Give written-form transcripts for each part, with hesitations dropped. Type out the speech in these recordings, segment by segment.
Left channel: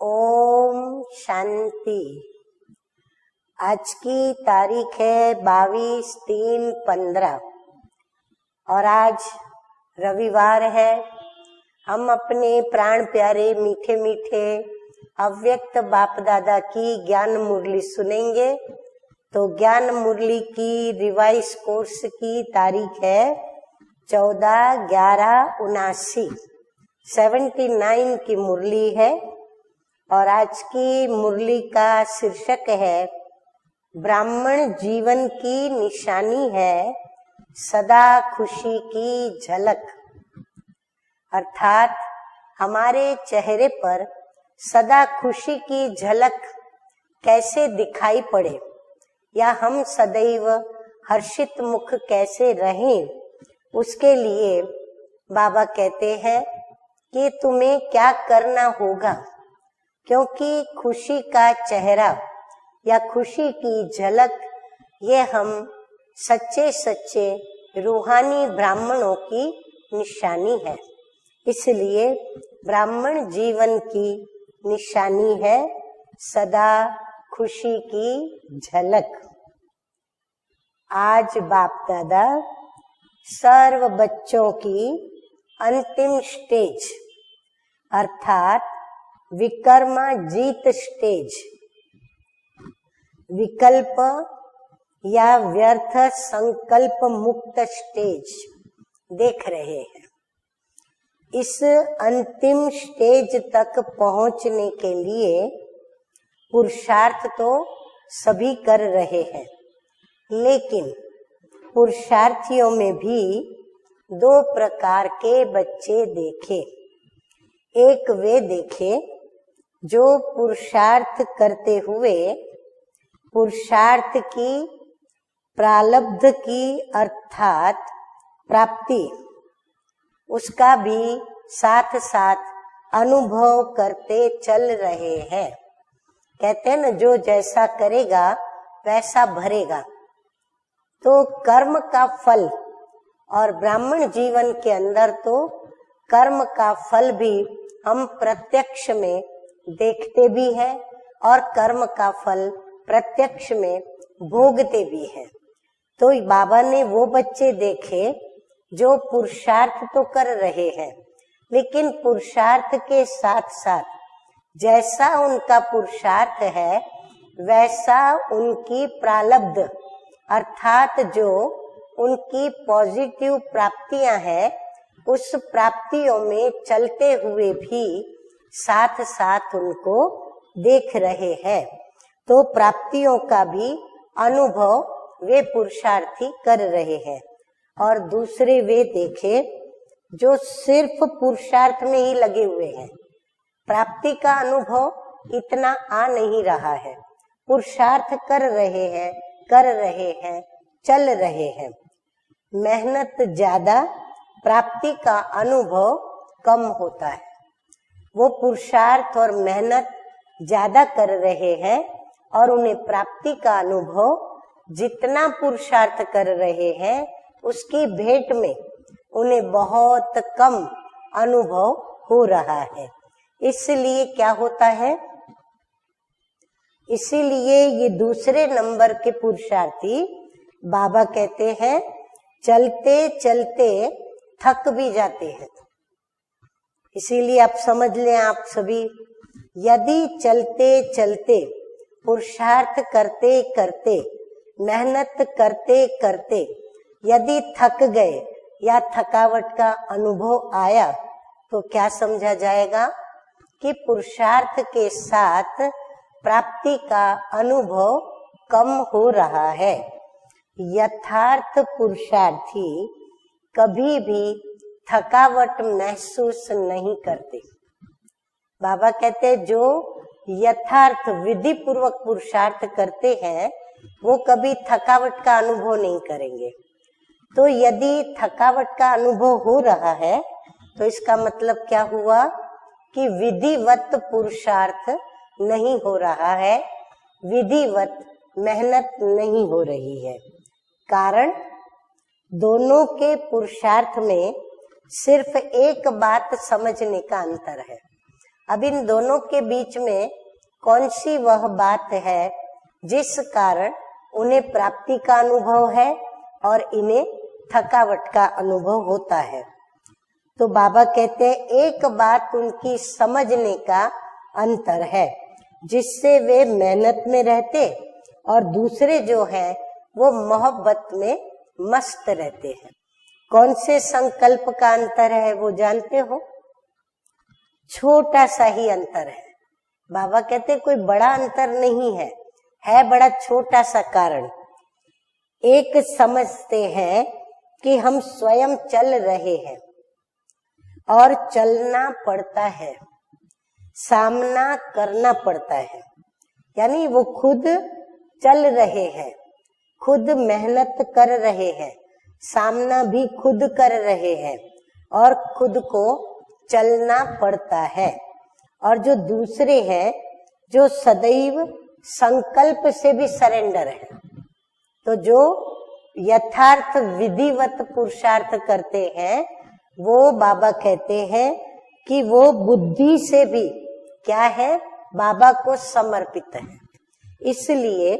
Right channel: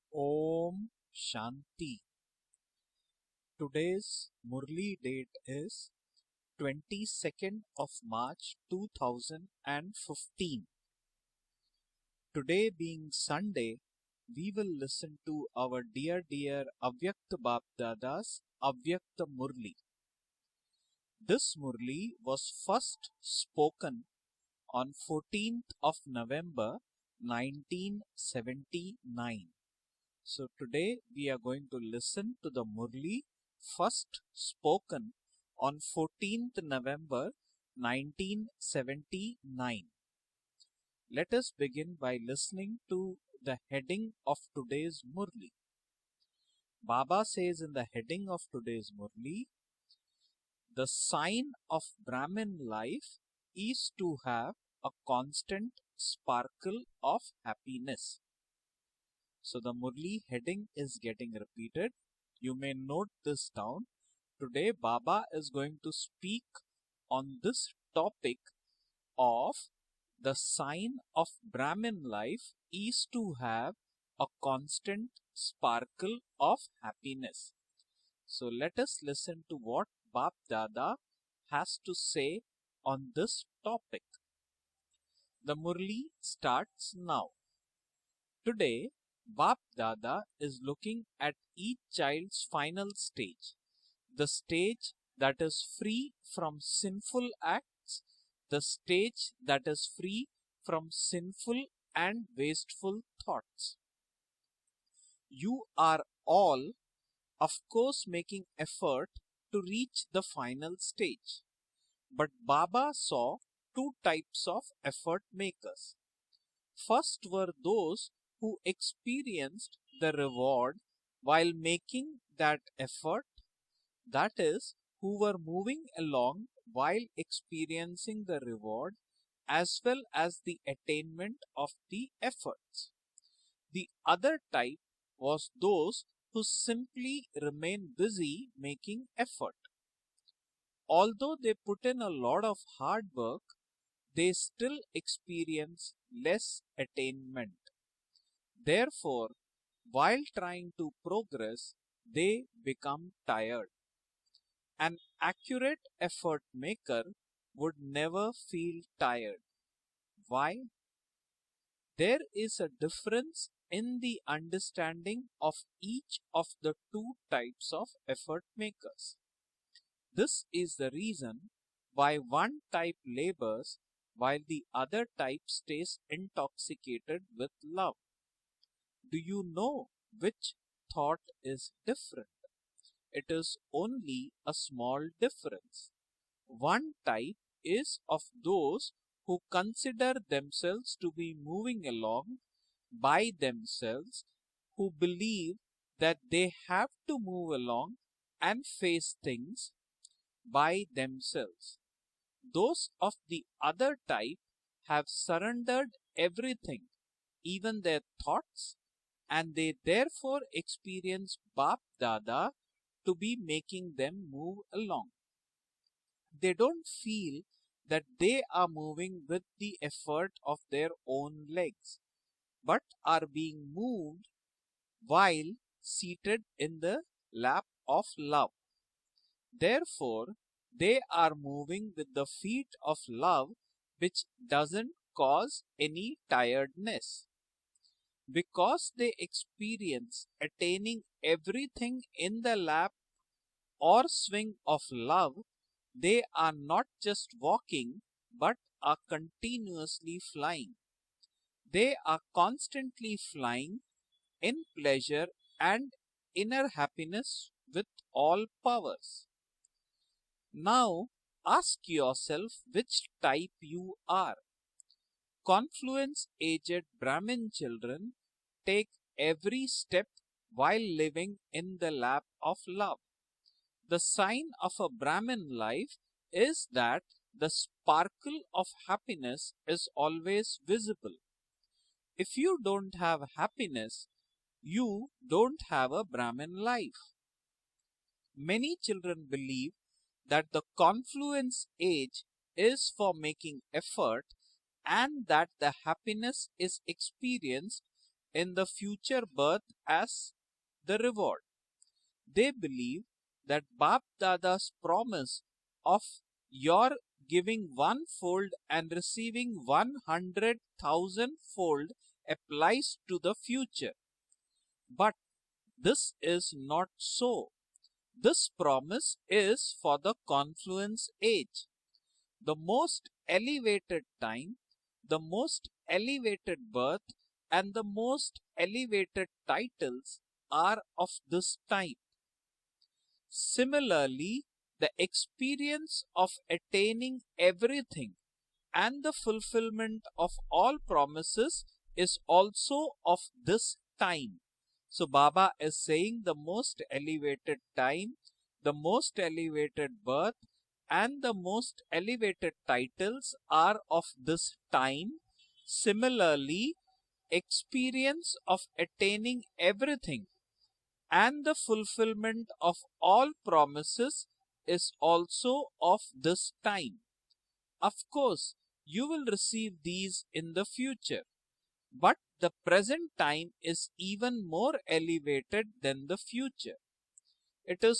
ओम शांति। आज की तारीख है 22/3/15 और आज रविवार है। हम अपने प्राण प्यारे मीठे मीठे अव्यक्त बाप दादा की ज्ञान मुरली सुनेंगे। तो ज्ञान मुरली की रिवाइज कोर्स की तारीख है 14/11/79 79 की मुरली है। और आज की मुरली का शीर्षक है ब्राह्मण जीवन की निशानी है सदा खुशी की झलक। अर्थात हमारे चेहरे पर सदा खुशी की झलक कैसे दिखाई पड़े या हम सदैव हर्षित मुख कैसे रहें, उसके लिए बाबा कहते हैं कि तुम्हें क्या करना होगा, क्योंकि खुशी का चेहरा या खुशी की झलक ये हम सच्चे सच्चे रूहानी ब्राह्मणों की निशानी है। इसलिए ब्राह्मण जीवन की निशानी है सदा खुशी की झलक। आज बाप दादा सर्व बच्चों की अंतिम स्टेज अर्थात विकर्माजीत स्टेज, विकल्प या व्यर्थ संकल्प मुक्त स्टेज देख रहे हैं। इस अंतिम स्टेज तक पहुंचने के लिए पुरुषार्थ तो सभी कर रहे हैं, लेकिन पुरुषार्थियों में भी दो प्रकार के बच्चे देखे। एक वे देखे जो पुरुषार्थ करते हुए पुरुषार्थ की प्रारब्ध की अर्थात प्राप्ति उसका भी साथ साथ अनुभव करते चल रहे हैं। कहते हैं न, जो जैसा करेगा वैसा भरेगा। तो कर्म का फल और ब्राह्मण जीवन के अंदर तो कर्म का फल भी हम प्रत्यक्ष में देखते भी हैं और कर्म का फल प्रत्यक्ष में भोगते भी हैं। तो बाबा ने वो बच्चे देखे जो पुरुषार्थ तो कर रहे हैं, लेकिन पुरुषार्थ के साथ साथ जैसा उनका पुरुषार्थ है वैसा उनकी प्रारब्ध अर्थात जो उनकी पॉजिटिव प्राप्तियां हैं उस प्राप्तियों में चलते हुए भी साथ साथ उनको देख रहे हैं। तो प्राप्तियों का भी अनुभव वे पुरुषार्थी कर रहे हैं। और दूसरे वे देखे जो सिर्फ पुरुषार्थ में ही लगे हुए हैं, प्राप्ति का अनुभव इतना आ नहीं रहा है, पुरुषार्थ कर रहे हैं, चल रहे हैं। मेहनत ज्यादा, प्राप्ति का अनुभव कम होता है। वो पुरुषार्थ और मेहनत ज्यादा कर रहे हैं और उन्हें प्राप्ति का अनुभव जितना पुरुषार्थ कर रहे हैं उसकी भेंट में उन्हें बहुत कम अनुभव हो रहा है। इसलिए क्या होता है, इसीलिए ये दूसरे नंबर के पुरुषार्थी बाबा कहते हैं चलते चलते थक भी जाते हैं। इसीलिए आप समझ लें, आप सभी यदि चलते चलते पुरुषार्थ करते करते मेहनत करते करते यदि थक गए या थकावट का अनुभव आया तो क्या समझा जाएगा कि पुरुषार्थ के साथ प्राप्ति का अनुभव कम हो रहा है। यथार्थ पुरुषार्थी कभी भी थकावट महसूस नहीं करते। बाबा कहते जो यथार्थ विधि पूर्वक पुरुषार्थ करते हैं वो कभी थकावट का अनुभव नहीं करेंगे। तो यदि थकावट का अनुभव हो रहा है तो इसका मतलब क्या हुआ कि विधिवत पुरुषार्थ नहीं हो रहा है, विधिवत मेहनत नहीं हो रही है। कारण दोनों के पुरुषार्थ में सिर्फ एक बात समझने का अंतर है। अब इन दोनों के बीच में कौन सी वह बात है जिस कारण उन्हें प्राप्ति का अनुभव है और इन्हें थकावट का अनुभव होता है? तो बाबा कहते हैं एक बात उनकी समझने का अंतर है जिससे वे मेहनत में रहते और दूसरे जो है वो मोहब्बत में मस्त रहते हैं। कौन से संकल्प का अंतर है वो जानते हो? छोटा सा ही अंतर है। बाबा कहते कोई बड़ा अंतर नहीं है, बड़ा छोटा सा कारण। एक समझते हैं कि हम स्वयं चल रहे हैं और चलना पड़ता है, सामना करना पड़ता है, यानी वो खुद चल रहे हैं, खुद मेहनत कर रहे हैं, सामना भी खुद कर रहे हैं और खुद को चलना पड़ता है। और जो दूसरे हैं जो सदैव संकल्प से भी सरेंडर है, तो जो यथार्थ विधिवत पुरुषार्थ करते हैं वो बाबा कहते हैं कि वो बुद्धि से भी क्या है, बाबा को समर्पित है। इसलिए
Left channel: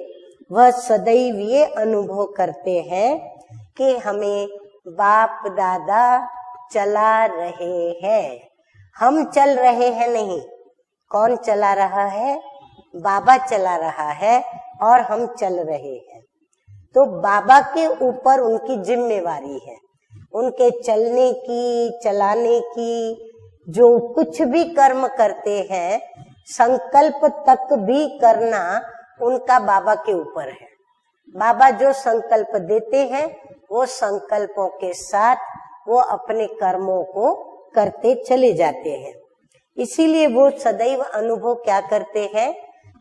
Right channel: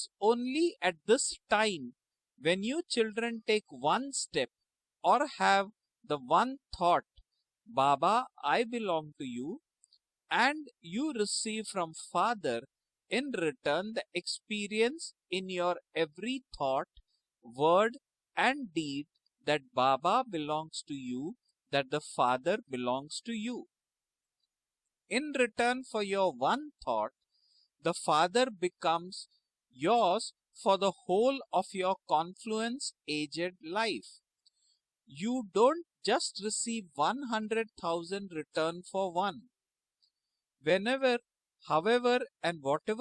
वह सदैव ये अनुभव करते हैं कि हमें बाप दादा चला रहे हैं, हम चल रहे हैं नहीं। कौन चला रहा है? बाबा चला रहा है और हम चल रहे हैं। तो बाबा के ऊपर उनकी जिम्मेवारी है, उनके चलने की, चलाने की। जो कुछ भी कर्म करते हैं संकल्प तक भी करना उनका बाबा के ऊपर है। बाबा जो संकल्प देते हैं वो संकल्पों के साथ वो अपने कर्मों को करते चले जाते हैं। इसीलिए वो सदैव अनुभव क्या करते हैं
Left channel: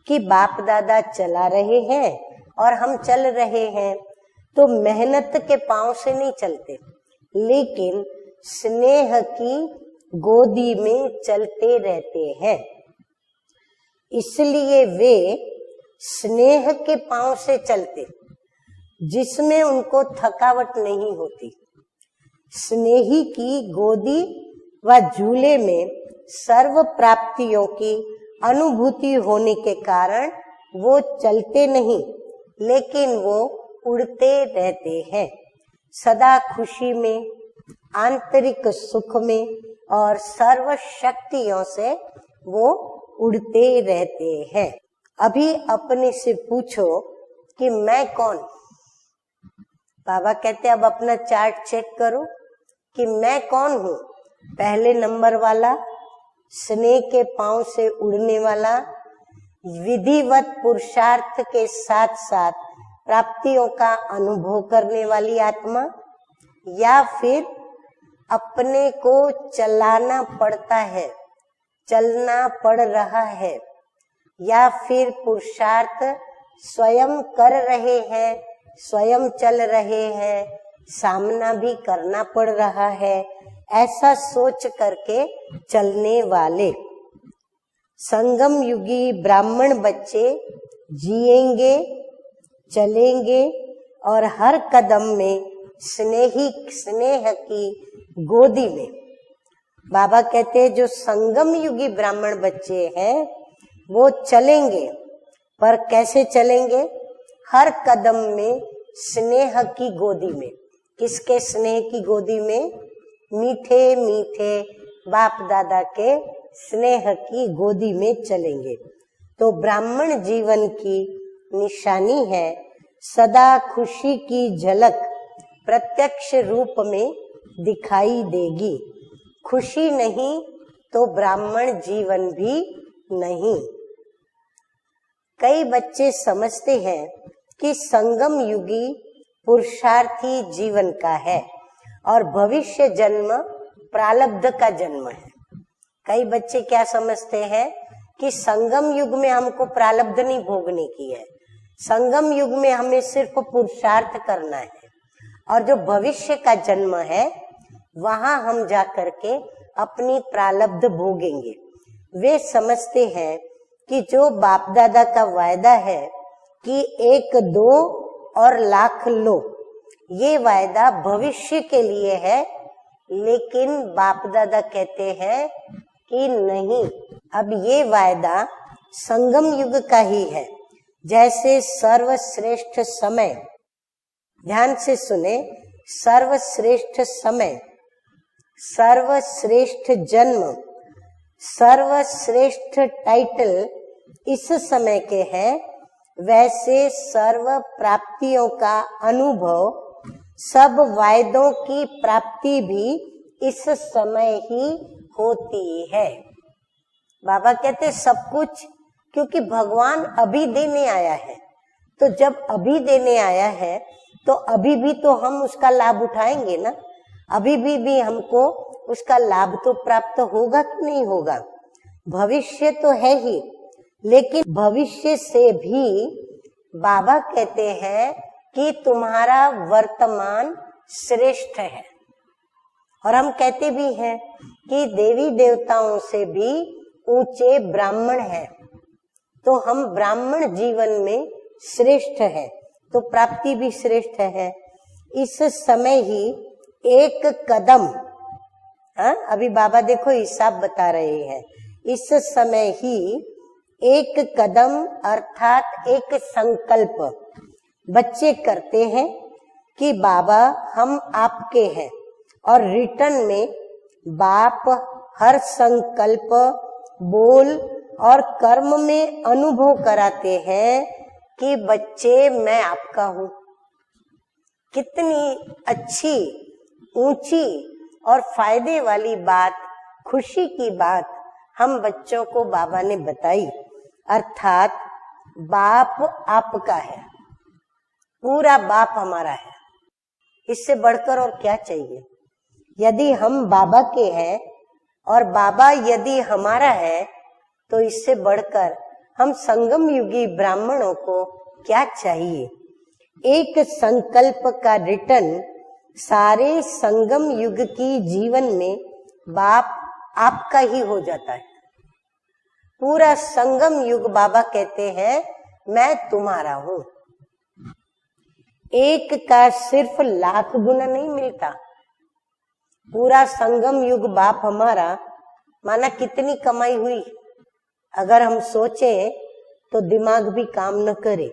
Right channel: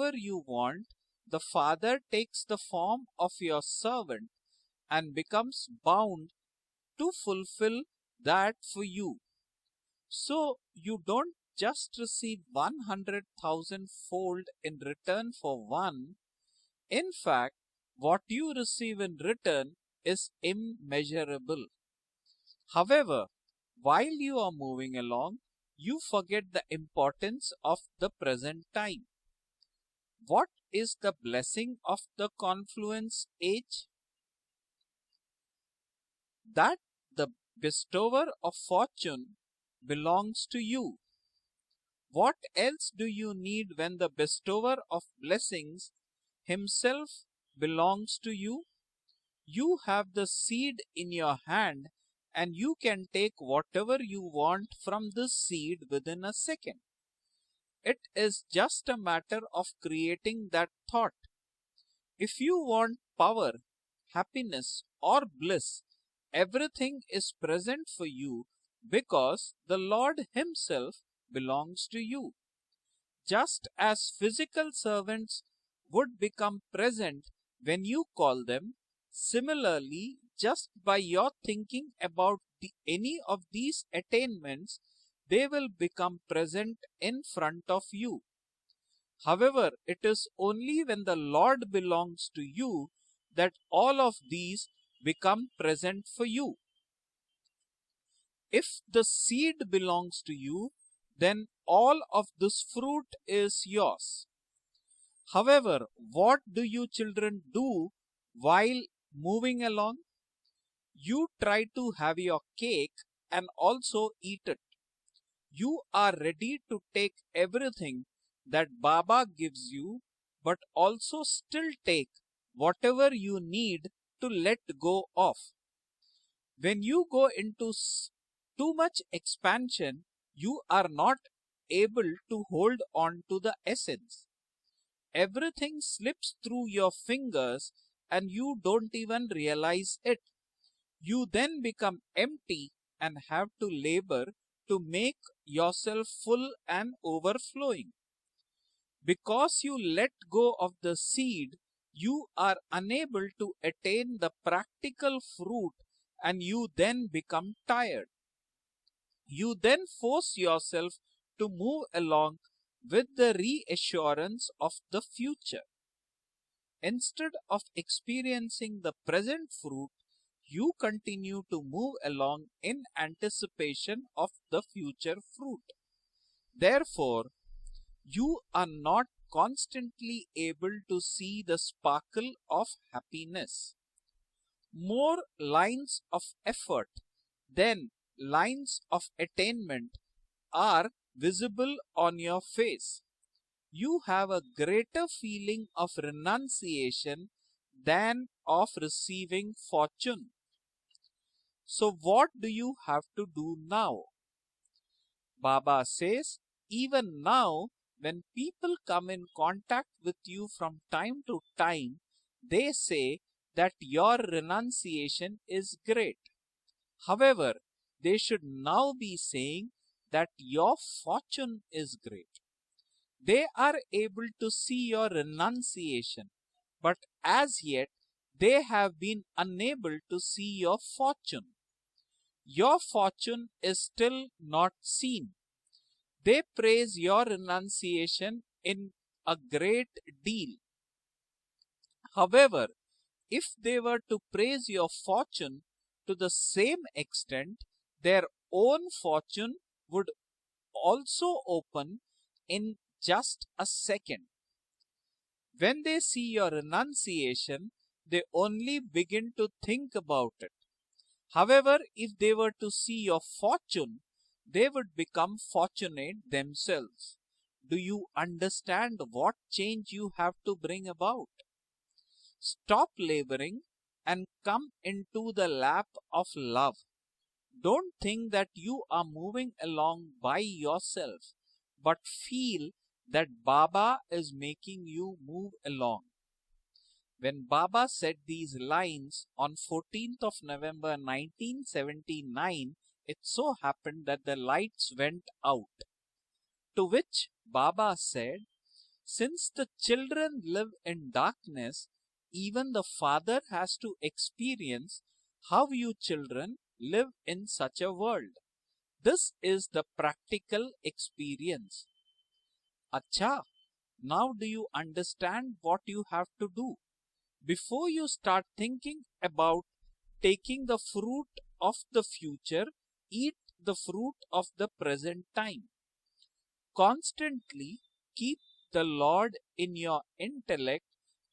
कि बाप दादा चला रहे हैं और हम चल रहे हैं। तो मेहनत के पांव से नहीं चलते, लेकिन स्नेह की गोदी में चलते रहते हैं। इसलिए वे स्नेह के पांव से चलते, जिसमें उनको थकावट नहीं होती। स्नेही की गोदी व झूले में सर्व प्राप्तियों की अनुभूति होने के कारण वो चलते नहीं, लेकिन वो उड़ते रहते हैं, सदा खुशी में, आंतरिक सुख में और सर्व शक्तियों से वो उड़ते रहते हैं। अभी अपने से पूछो कि मैं कौन हूँ? बाबा कहते अब अपना चार्ट चेक करो कि मैं कौन हूँ। पहले नंबर वाला स्नेह के पांव से उड़ने वाला, विधिवत पुरुषार्थ के साथ साथ प्राप्तियों का अनुभव करने वाली आत्मा, या फिर अपने को चलाना पड़ता है, चलना पड़ रहा है, या फिर पुरुषार्थ स्वयं कर रहे हैं, स्वयं चल रहे हैं, सामना भी करना पड़ रहा है। ऐसा सोच करके चलने वाले संगम युगी ब्राह्मण बच्चे जिएंगे, चलेंगे और हर कदम में स्नेह की गोदी में। बाबा कहते हैं जो संगम युगी ब्राह्मण बच्चे हैं वो चलेंगे, पर कैसे चलेंगे? हर कदम में स्नेह की गोदी में। किसके स्नेह की गोदी में? मीठे मीठे बाप दादा के स्नेह की गोदी में चलेंगे। तो ब्राह्मण जीवन की निशानी है सदा खुशी की झलक प्रत्यक्ष रूप में दिखाई देगी। खुशी नहीं तो ब्राह्मण जीवन भी नहीं। कई बच्चे समझते हैं कि संगम युगी पुरुषार्थी जीवन का है और भविष्य जन्म प्रारब्ध का जन्म है। कई बच्चे क्या समझते हैं कि संगम युग में हमको प्रारब्ध नहीं भोगने की है, संगम युग में हमें सिर्फ पुरुषार्थ करना है, और जो भविष्य का जन्म है वहाँ हम जा करके अपनी प्रारब्ध भोगेंगे। वे समझते हैं कि जो बाप दादा का वायदा है कि 1, 2 और लाख लो, ये वायदा भविष्य के लिए है, लेकिन बाप दादा कहते हैं कि नहीं, अब ये वायदा संगम युग का ही है। जैसे सर्वश्रेष्ठ समय, ध्यान से सुने, सर्वश्रेष्ठ समय, सर्वश्रेष्ठ जन्म, सर्वश्रेष्ठ टाइटल इस समय के हैं, वैसे सर्व प्राप्तियों का अनुभव, सब वायदों की प्राप्ति भी इस समय ही होती है। बाबा कहते सब कुछ, क्योंकि भगवान अभी देने आया है, तो जब अभी देने आया है तो अभी भी तो हम उसका लाभ उठाएंगे ना, अभी भी हमको उसका लाभ तो प्राप्त होगा कि नहीं होगा। भविष्य तो है ही, लेकिन भविष्य से भी बाबा कहते हैं कि तुम्हारा वर्तमान श्रेष्ठ है। और हम कहते भी हैं कि देवी देवताओं से भी ऊंचे ब्राह्मण हैं, तो हम ब्राह्मण जीवन में श्रेष्ठ हैं, तो प्राप्ति भी श्रेष्ठ है। इस समय ही एक कदम, अभी बाबा देखो हिसाब बता रहे हैं, इस समय ही एक कदम अर्थात एक संकल्प बच्चे करते हैं कि बाबा हम आपके हैं, और रिटर्न में बाप हर संकल्प, बोल और कर्म में अनुभव कराते हैं कि बच्चे मैं आपका हूँ। कितनी अच्छी, ऊंची और फायदे वाली बात, खुशी की बात हम बच्चों को बाबा ने बताई। अर्थात बाप आपका है, पूरा बाप हमारा है, इससे बढ़कर और क्या चाहिए। यदि हम बाबा के हैं और बाबा यदि हमारा है, तो इससे बढ़कर हम संगम युगी ब्राह्मणों को क्या चाहिए। एक संकल्प का रिटर्न सारे संगम युग की जीवन में बाप आपका ही हो जाता है। पूरा संगम युग बाबा कहते हैं मैं तुम्हारा हूँ। एक का सिर्फ लाख गुना नहीं मिलता, पूरा संगम युग बाप हमारा, माना कितनी कमाई हुई, अगर हम सोचें तो दिमाग भी काम न करे।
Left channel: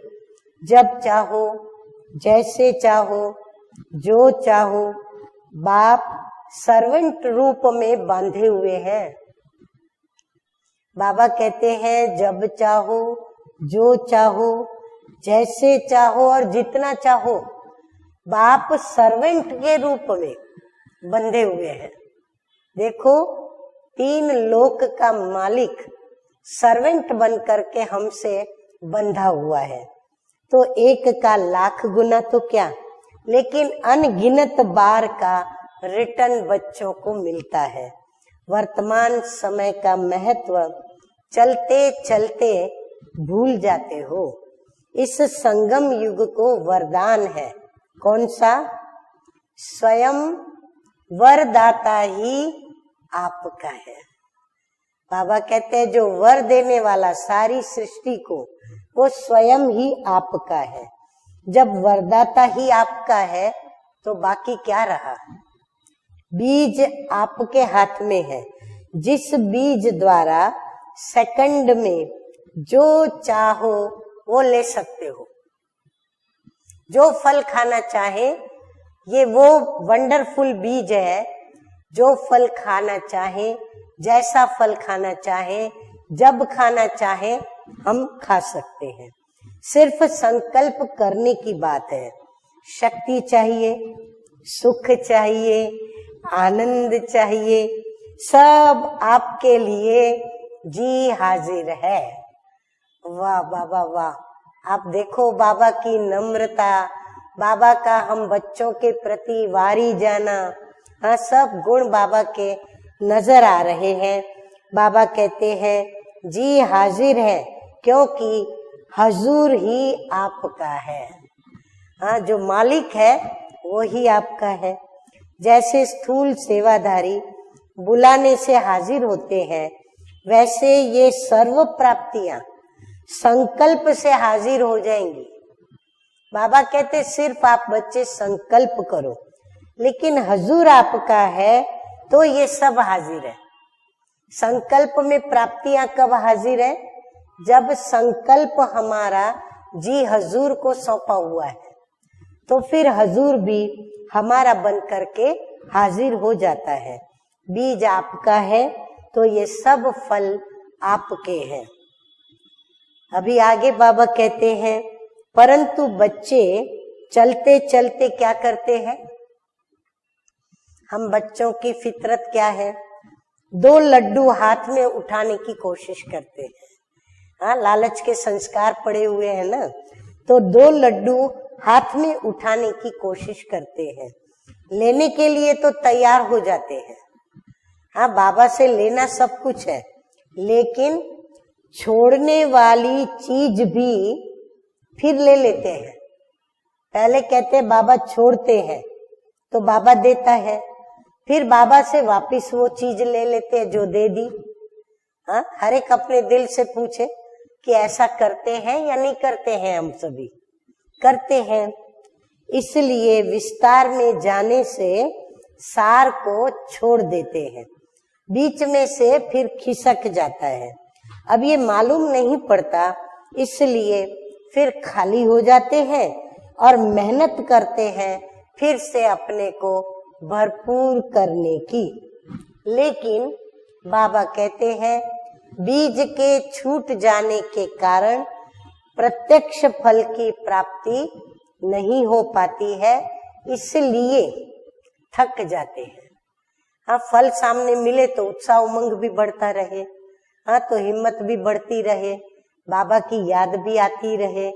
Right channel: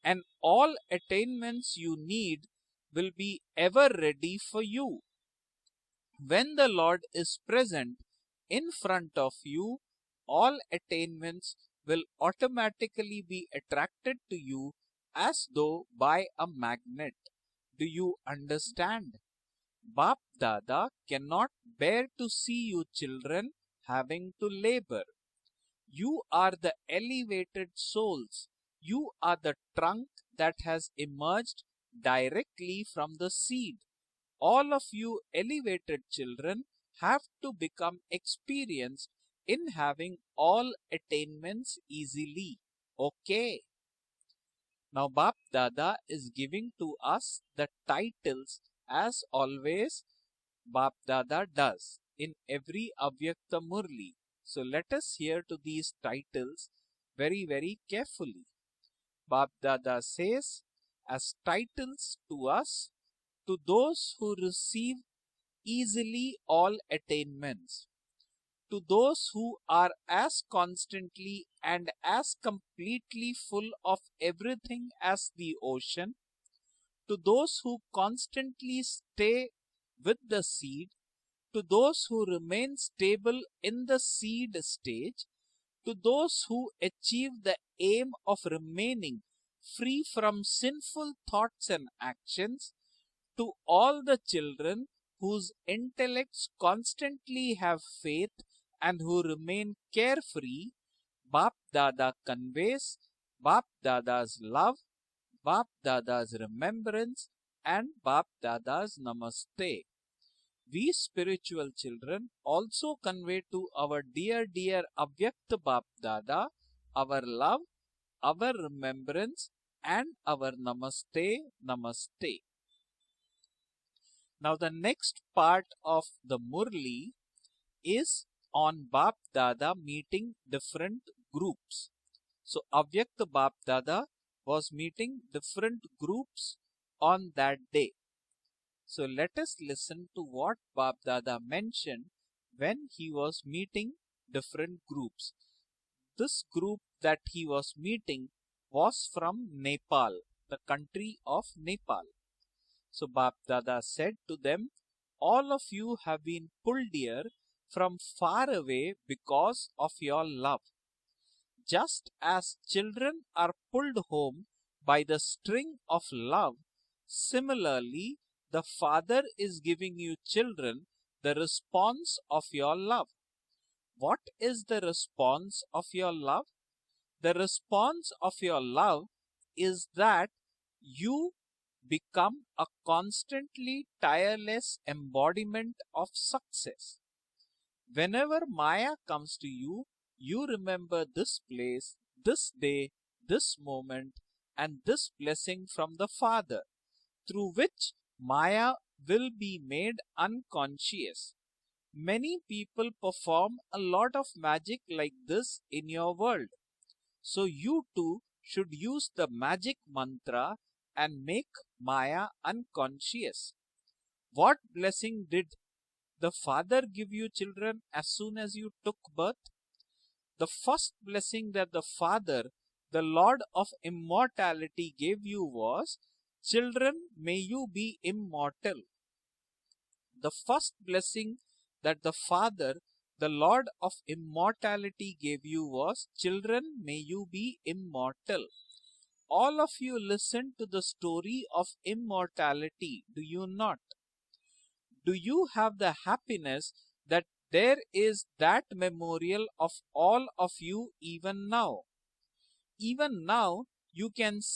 जब चाहो, जैसे चाहो, जो चाहो, बाप सर्वेंट रूप में बांधे हुए हैं। बाबा कहते हैं जब चाहो, जो चाहो, जैसे चाहो और जितना चाहो, बाप सर्वेंट के रूप में बंधे हुए हैं। देखो, 3 लोक का मालिक सर्वेंट बन करके हमसे बंधा हुआ है, तो एक का लाख गुना तो क्या, लेकिन अनगिनत बार का रिटर्न बच्चों को मिलता है। वर्तमान समय का महत्व चलते चलते भूल जाते हो। इस संगम युग को वरदान है, कौन सा, स्वयं वरदाता ही आपका है। बाबा कहते हैं जो वर देने वाला सारी सृष्टि को, वो स्वयं ही आपका है। जब वरदाता ही आपका है तो बाकी क्या रहा। बीज आपके हाथ में है, जिस बीज द्वारा सेकंड में जो चाहो वो ले सकते हो। जो फल खाना चाहे, ये वो वंडरफुल बीज है, जो फल खाना चाहे, जैसा फल खाना चाहे, जब खाना चाहे हम खा सकते हैं। सिर्फ संकल्प करने की बात है। शक्ति चाहिए, सुख चाहिए, आनंद चाहिए, सब आपके लिए जी हाजिर है। वाह बाबा वाह, आप देखो बाबा की नम्रता, बाबा का हम बच्चों के प्रति वारी जाना, हाँ, सब गुण बाबा के नजर आ रहे हैं। बाबा कहते हैं जी हाजिर है, क्योंकि हजूर ही आपका है। हाँ, जो मालिक है वो ही आपका है। जैसे स्थूल सेवाधारी बुलाने से हाजिर होते हैं, वैसे ये सर्व प्राप्तियां संकल्प से हाजिर हो जाएंगी। बाबा कहते सिर्फ आप बच्चे संकल्प करो, लेकिन हजूर आपका है तो ये सब हाजिर है। संकल्प में प्राप्तियां कब हाजिर है? जब संकल्प हमारा जी हजूर को सौंपा हुआ है, तो फिर हजूर भी हमारा बन करके हाजिर हो जाता है। बीज आपका है तो ये सब फल आपके हैं। अभी आगे बाबा कहते हैं, परंतु बच्चे चलते चलते क्या करते हैं? हम बच्चों की फितरत क्या है? 2 लड्डू हाथ में उठाने की कोशिश करते हैं। हाँ, लालच के संस्कार पड़े हुए हैं ना, तो 2 लड्डू हाथ में उठाने की कोशिश करते हैं, लेने के लिए तो तैयार हो जाते हैं। हाँ, बाबा से लेना सब कुछ है, लेकिन छोड़ने वाली चीज भी फिर ले लेते हैं। पहले कहते हैं बाबा छोड़ते हैं, तो बाबा देता है, फिर बाबा से वापस वो चीज ले लेते हैं जो दे दी। हाँ, हर एक अपने दिल से पूछे कि ऐसा करते हैं या नहीं करते हैं? हम सभी करते हैं। इसलिए विस्तार में जाने से सार को छोड़ देते हैं, बीच में से फिर खिसक जाता है। अब ये मालूम नहीं पड़ता, इसलिए फिर खाली हो जाते हैं और मेहनत करते हैं फिर से अपने को भरपूर करने की। लेकिन बाबा कहते हैं, बीज के छूट जाने के कारण प्रत्यक्ष फल की प्राप्ति नहीं हो पाती है, इसलिए थक जाते हैं। हाँ, फल सामने मिले तो उत्साह उमंग भी बढ़ता रहे, हाँ तो हिम्मत भी बढ़ती रहे, बाबा की याद भी आती रहे।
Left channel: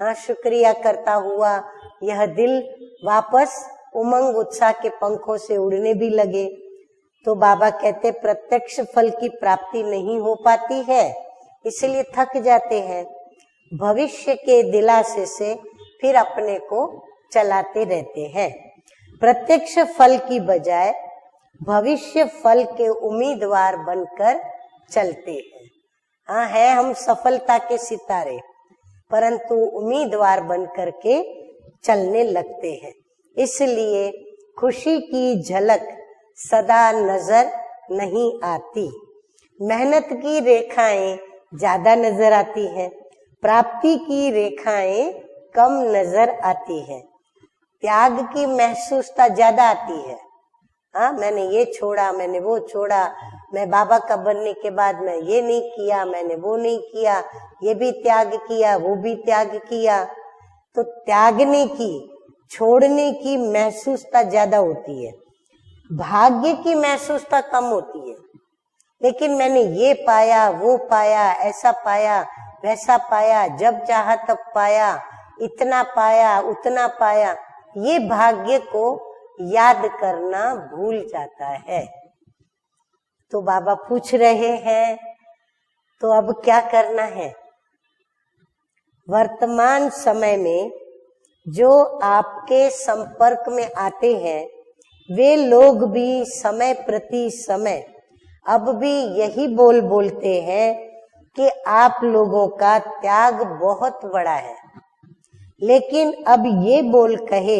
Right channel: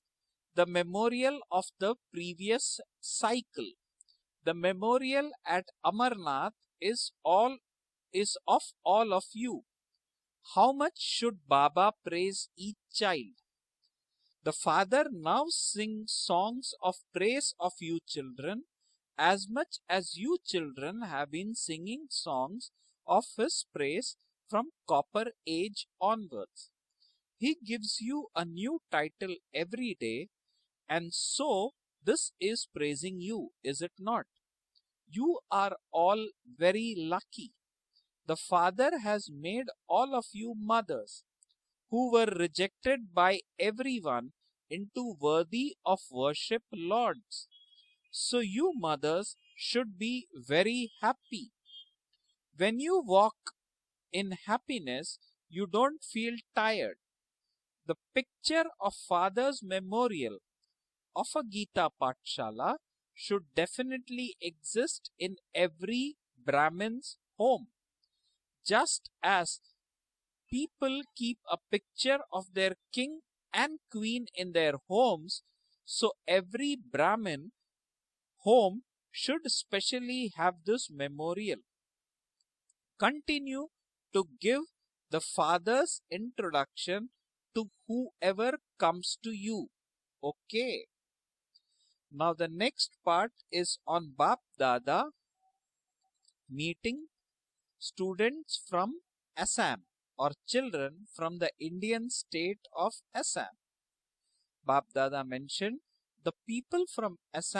हाँ, शुक्रिया करता हुआ यह दिल वापस उमंग उत्साह के पंखों से उड़ने भी लगे। तो बाबा कहते प्रत्यक्ष फल की प्राप्ति नहीं हो पाती है, इसलिए थक जाते हैं। भविष्य के दिलासे से फिर अपने को चलाते रहते हैं। प्रत्यक्ष फल की बजाय भविष्य फल के उम्मीदवार बनकर चलते हाँ है हम सफलता के सितारे, परंतु उम्मीदवार बनकर के चलने लगते हैं। इसलिए खुशी की झलक सदा नजर नहीं आती, मेहनत की रेखाएं ज्यादा नजर आती है, प्राप्ति की रेखाएं कम नजर आती है, त्याग की महसूसता ज्यादा आती है। हाँ, मैंने ये छोड़ा, मैंने वो छोड़ा, मैं बाबा का बनने के बाद मैं ये नहीं किया, मैंने वो नहीं किया, ये भी त्याग किया, वो भी त्याग किया। तो त्यागने की, छोड़ने की महसूसता ज्यादा होती है, भाग्य की महसूसता कम होती है। लेकिन मैंने ये पाया, वो पाया, ऐसा पाया, वैसा पाया, जब चाहा तब पाया, इतना पाया, उतना पाया, ये भाग्य को याद करना भूल जाता है। तो बाबा पूछ रहे हैं, तो अब क्या करना है? वर्तमान समय में जो आपके संपर्क में आते हैं, वे लोग भी समय प्रति समय अब भी यही बोलते हैं कि आप लोगों का त्याग बहुत बड़ा है। लेकिन अब ये बोल कहे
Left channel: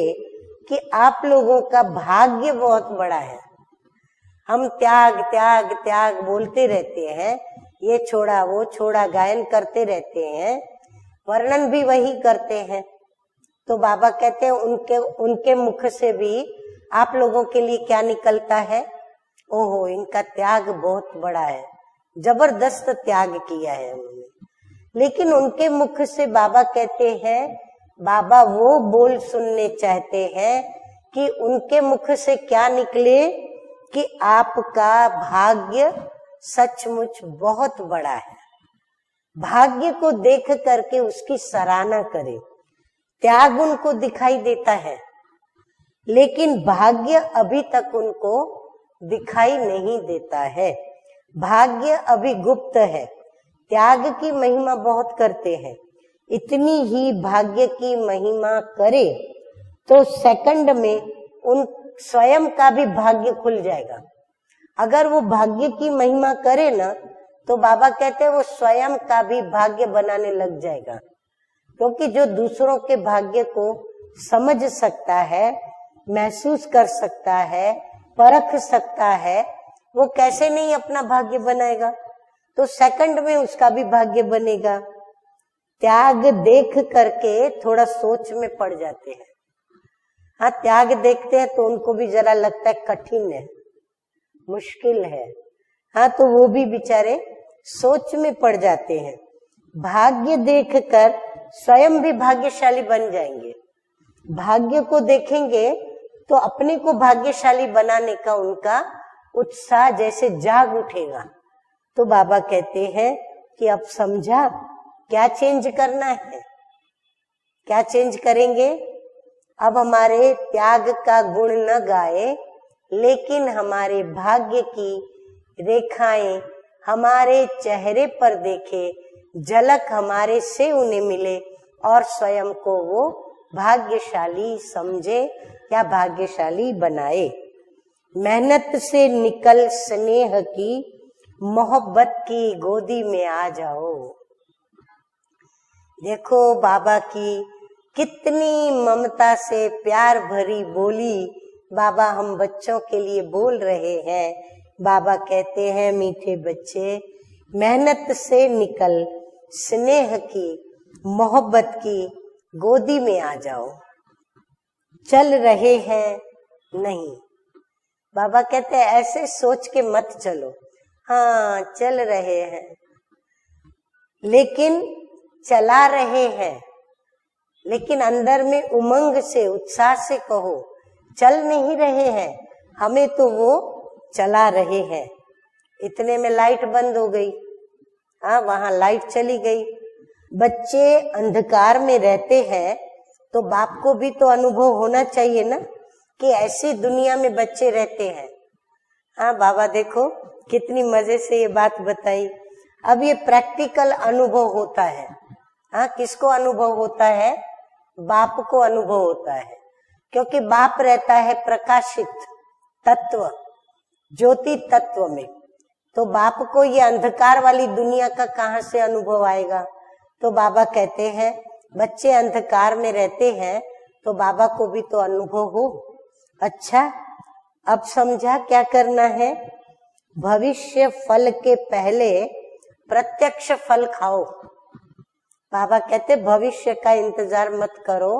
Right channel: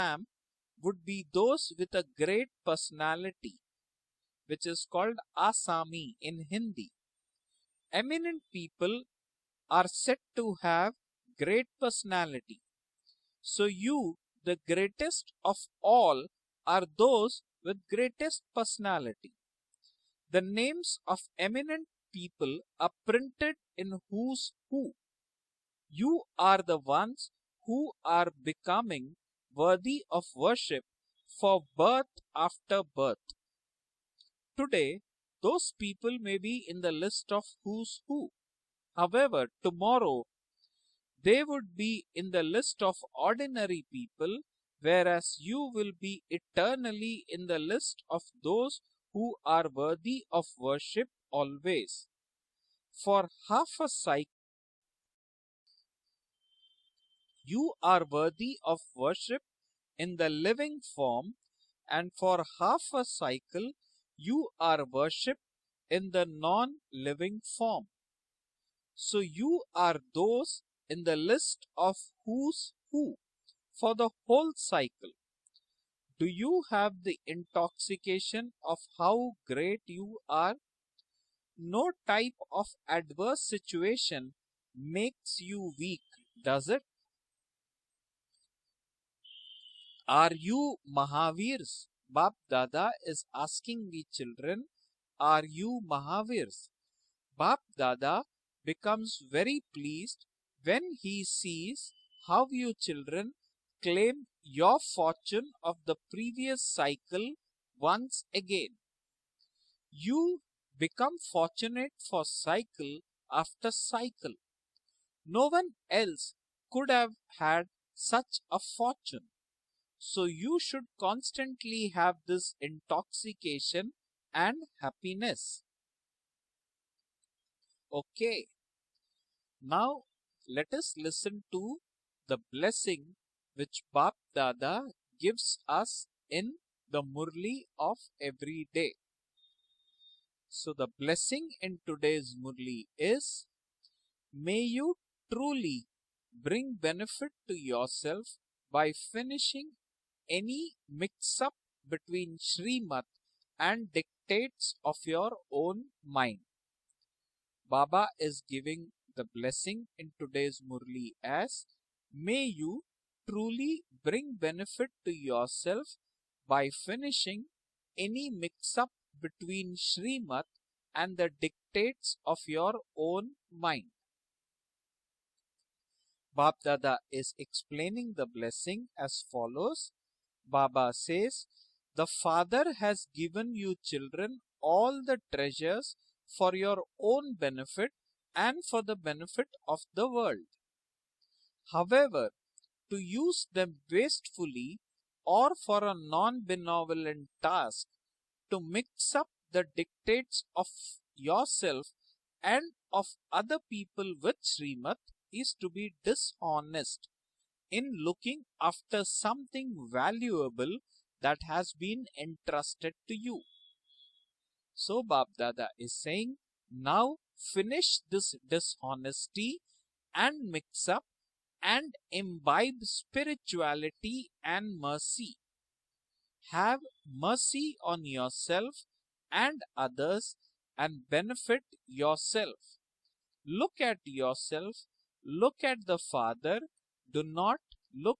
कि आप लोगों का भाग्य बहुत बड़ा है। हम त्याग त्याग त्याग बोलते रहते हैं, ये छोड़ा वो छोड़ा गायन करते रहते हैं, वर्णन भी वही करते हैं। तो बाबा कहते हैं उनके मुख से भी आप लोगों के लिए क्या निकलता है? ओहो, इनका त्याग बहुत बड़ा है, जबरदस्त त्याग किया है। लेकिन उनके मुख से बाबा कहते हैं, बाबा वो बोल सुनने चाहते हैं कि उनके मुख से क्या निकले कि आपका भाग्य सचमुच बहुत बड़ा है। भाग्य को देख करके उसकी सराहना करें। त्याग उनको दिखाई देता है, लेकिन भाग्य अभी तक उनको दिखाई नहीं देता है। भाग्य अभी गुप्त है। त्याग की महिमा बहुत करते हैं, इतनी ही भाग्य की महिमा करे तो सेकंड में उन स्वयं का भी भाग्य खुल जाएगा। अगर वो भाग्य की महिमा करे ना, तो बाबा कहते हैं वो स्वयं का भी भाग्य बनाने लग जाएगा। क्योंकि जो दूसरों के भाग्य को समझ सकता है, महसूस कर सकता है, परख सकता है, वो कैसे नहीं अपना भाग्य बनाएगा, तो सेकंड में उसका भी भाग्य बनेगा। त्याग देख करके थोड़ा सोच में पड़ जाते हैं। हाँ, त्याग देखते हैं तो उनको भी जरा लगता है कठिन है, मुश्किल है। हाँ, तो वो भी बेचारे सोच में पड़ जाते हैं। भाग्य देखकर स्वयं भी भाग्यशाली बन जाएंगे। भाग्य को देखेंगे तो अपने को भाग्यशाली बनाने का उनका उत्साह जैसे जाग उठेगा। तो बाबा कहते हैं कि अब समझा क्या चेंज करना है, क्या चेंज करेंगे। अब हमारे त्याग का गुण न गाए, लेकिन हमारे भाग्य की रेखाएं हमारे चेहरे पर देखे, झलक हमारे से उन्हें मिले और स्वयं को वो भाग्यशाली समझे या भाग्यशाली बनाए। मेहनत से निकल स्नेह की मोहब्बत की गोदी में आ जाओ। देखो बाबा की कितनी ममता से प्यार भरी बोली बाबा हम बच्चों के लिए बोल रहे हैं। बाबा कहते हैं मीठे बच्चे, मेहनत से निकल स्नेह की मोहब्बत की गोदी में आ जाओ। चल रहे हैं नहीं, बाबा कहते हैं ऐसे सोच के मत चलो। हाँ, चल रहे हैं लेकिन चला रहे हैं, लेकिन अंदर में उमंग से उत्साह से कहो, चल नहीं रहे हैं, हमें तो वो चला रहे हैं। इतने में लाइट बंद हो गई। हाँ, वहाँ लाइट चली गई। बच्चे अंधकार में रहते हैं तो बाप को भी तो अनुभव होना चाहिए ना कि ऐसी दुनिया में बच्चे रहते हैं। हाँ बाबा देखो कितनी मजे से ये बात बताई। अब ये प्रैक्टिकल अनुभव होता है। हाँ, किसको अनुभव होता है? बाप को अनुभव होता है, क्योंकि बाप रहता है प्रकाशित तत्व, ज्योति तत्व में। तो बाप को ये अंधकार वाली दुनिया का कहाँ से अनुभव आएगा? तो बाबा कहते हैं बच्चे अंधकार में रहते हैं तो बाबा को भी तो अनुभव हो। अच्छा, अब समझा क्या करना है। भविष्य फल के पहले प्रत्यक्ष फल खाओ। बाबा कहते भविष्य का इंतजार मत करो,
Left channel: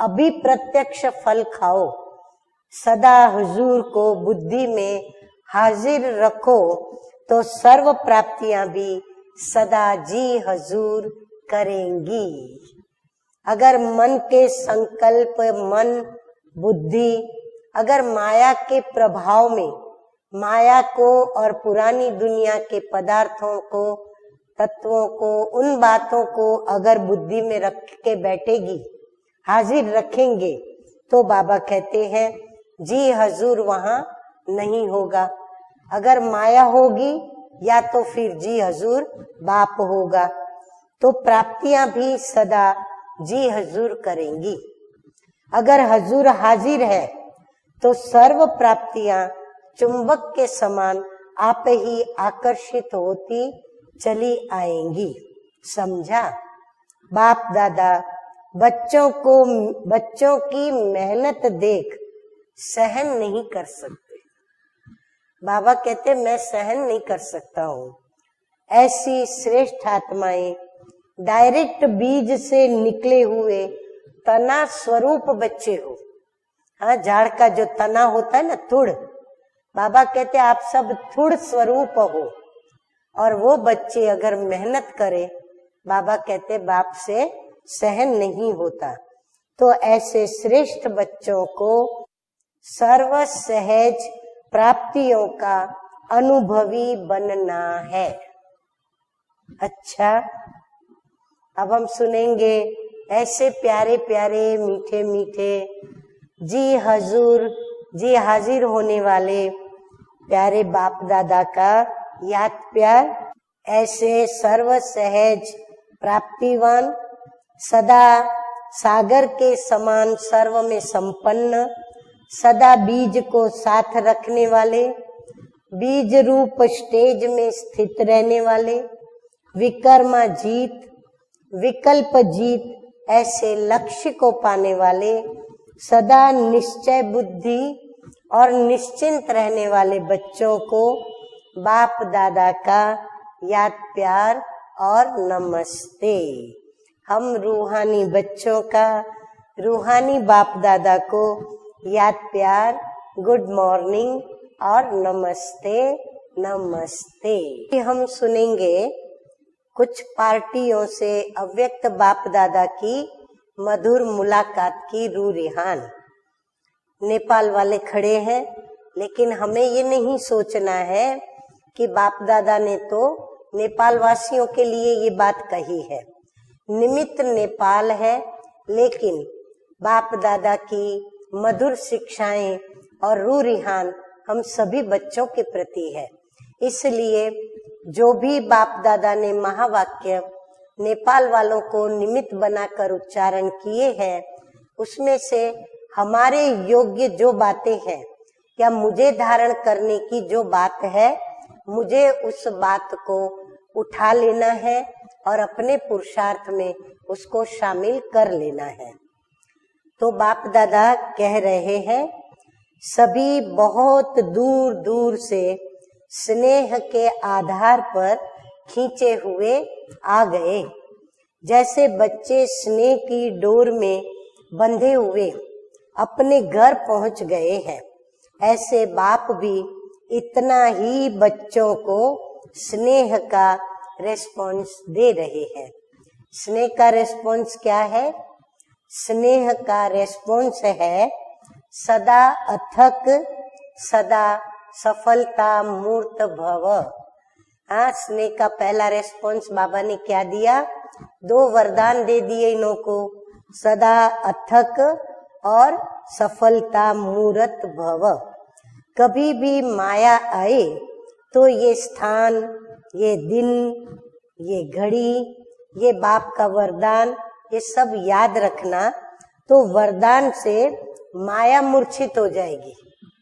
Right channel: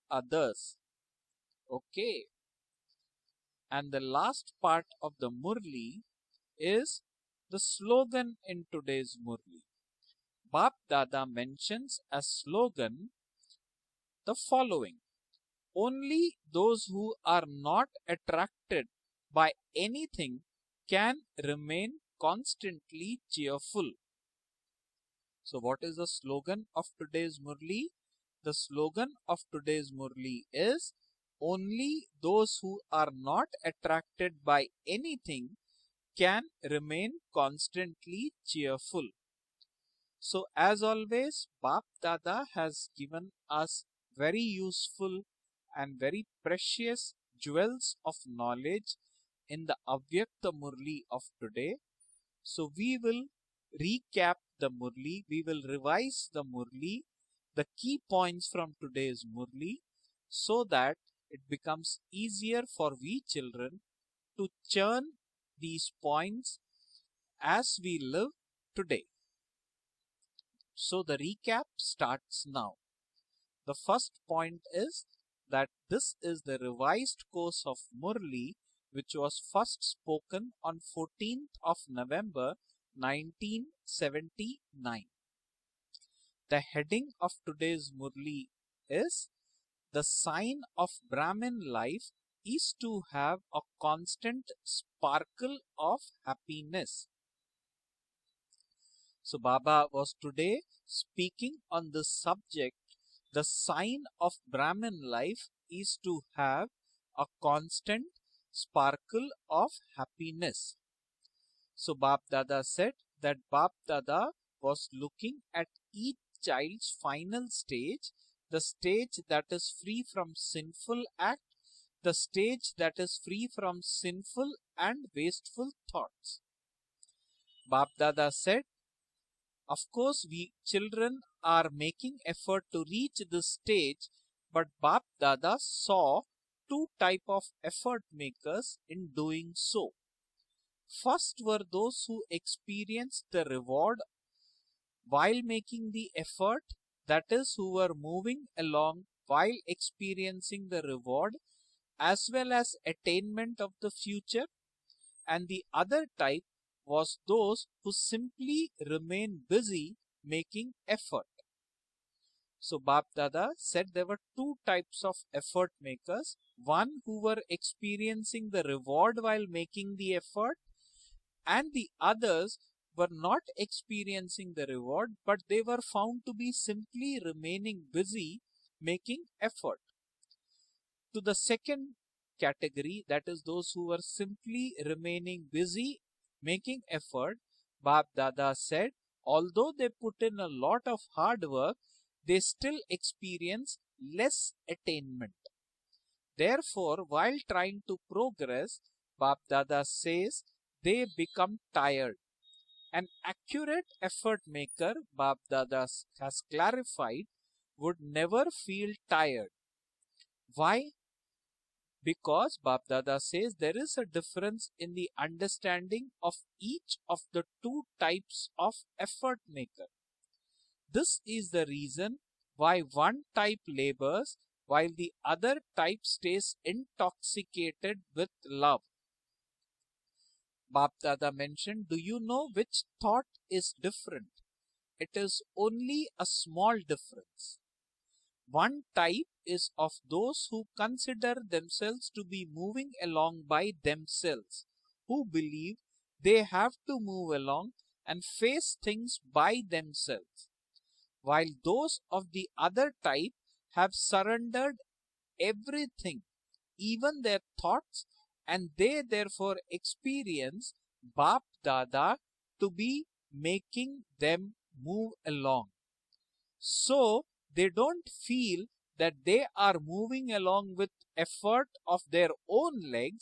अभी प्रत्यक्ष फल खाओ। सदा हुजूर को बुद्धि में हाजिर रखो तो सर्व प्राप्तियां भी सदा जी हुजूर करेंगी। अगर मन के संकल्प, मन बुद्धि अगर माया के प्रभाव में माया को और पुरानी दुनिया के पदार्थों को, तत्वों को, उन बातों को अगर बुद्धि में रख के बैठेगी, हाजिर रखेंगे, तो बाबा कहते हैं जी हजूर वहाँ नहीं होगा। अगर माया होगी या तो फिर जी हजूर बाप होगा। तो प्राप्तियां भी सदा जी हजूर करेंगी। अगर हजूर हाजिर है तो सर्व प्राप्तियां चुंबक के समान आप ही आकर्षित होती चली आएंगी। समझा? बाप दादा बच्चों की मेहनत देख सहन नहीं कर सकते। बाबा कहते मैं सहन नहीं कर सकता हूँ। ऐसी श्रेष्ठ आत्माएं डायरेक्ट बीज से निकले हुए तना स्वरूप बच्चे हो। हाँ, झाड़ का जो तना होता है ना, तुड़, बाबा कहते आप सब तुड़ स्वरूप हो। और वो बच्चे अगर मेहनत करे, बाबा कहते बाप से सहन नहीं होता। तो ऐसे श्रेष्ठ बच्चों को सर्व सहज प्राप्तियों का अनुभवी बनना है। अच्छा, अब हम सुनेंगे ऐसे प्यारे प्यारे मीठे मीठे जी हजूर, जी हाजिर होने वाले प्यारे बाप दादा का याद प्यार। ऐसे सर्व सहज प्राप्तिवान, सदा सागर के समान सर्व में संपन्न, सदा बीज को साथ रखने वाले, बीज रूप स्टेज में स्थित रहने वाले, विकर्मा जीत विकल्प जीत ऐसे लक्ष्य को पाने वाले, सदा निश्चय बुद्धि और निश्चिंत रहने वाले बच्चों को बाप दादा का याद प्यार और नमस्ते। हम रूहानी बच्चों का रूहानी बाप दादा को याद प्यार, गुड मॉर्निंग और नमस्ते नमस्ते। हम सुनेंगे कुछ पार्टियों से अव्यक्त बाप दादा की मधुर मुलाकात की रूह रिहान। नेपाल वाले खड़े हैं, लेकिन हमें ये नहीं सोचना है कि बाप दादा ने तो नेपाल वासियों के लिए ये बात कही है। निमित्त नेपाल है, लेकिन बाप दादा की मधुर शिक्षाएं और रूह रिहान हम सभी बच्चों के प्रति है। इसलिए जो भी बाप दादा ने महावाक्य नेपाल वालों को निमित्त बनाकर उच्चारण किए हैं, उसमें से हमारे योग्य जो बातें हैं या मुझे धारण करने की जो बात है, मुझे उस बात को उठा लेना है और अपने पुरुषार्थ में उसको शामिल कर लेना है। तो बाप दादा कह रहे हैं, सभी बहुत दूर दूर से स्नेह के आधार पर खींचे हुए आ गए। जैसे बच्चे स्नेह की डोर में बंधे हुए अपने घर पहुंच गए हैं, ऐसे बाप भी इतना ही बच्चों को स्नेह का रेस्पॉन्स दे रहे हैं। स्नेह का रेस्पॉन्स क्या है? स्नेह का रेस्पॉन्स है सदा अथक, सदा सफलता मूर्त भव। हाँ, स्नेह का पहला रेस्पॉन्स बाबा ने क्या दिया? 2 वरदान दे दिए इन्हों को, सदा अथक और सफलता मूर्त भव। कभी भी माया आए तो ये स्थान, ये दिन, ये घड़ी, ये बाप का वरदान, ये सब याद रखना, तो वरदान से माया मूर्छित हो जाएगी।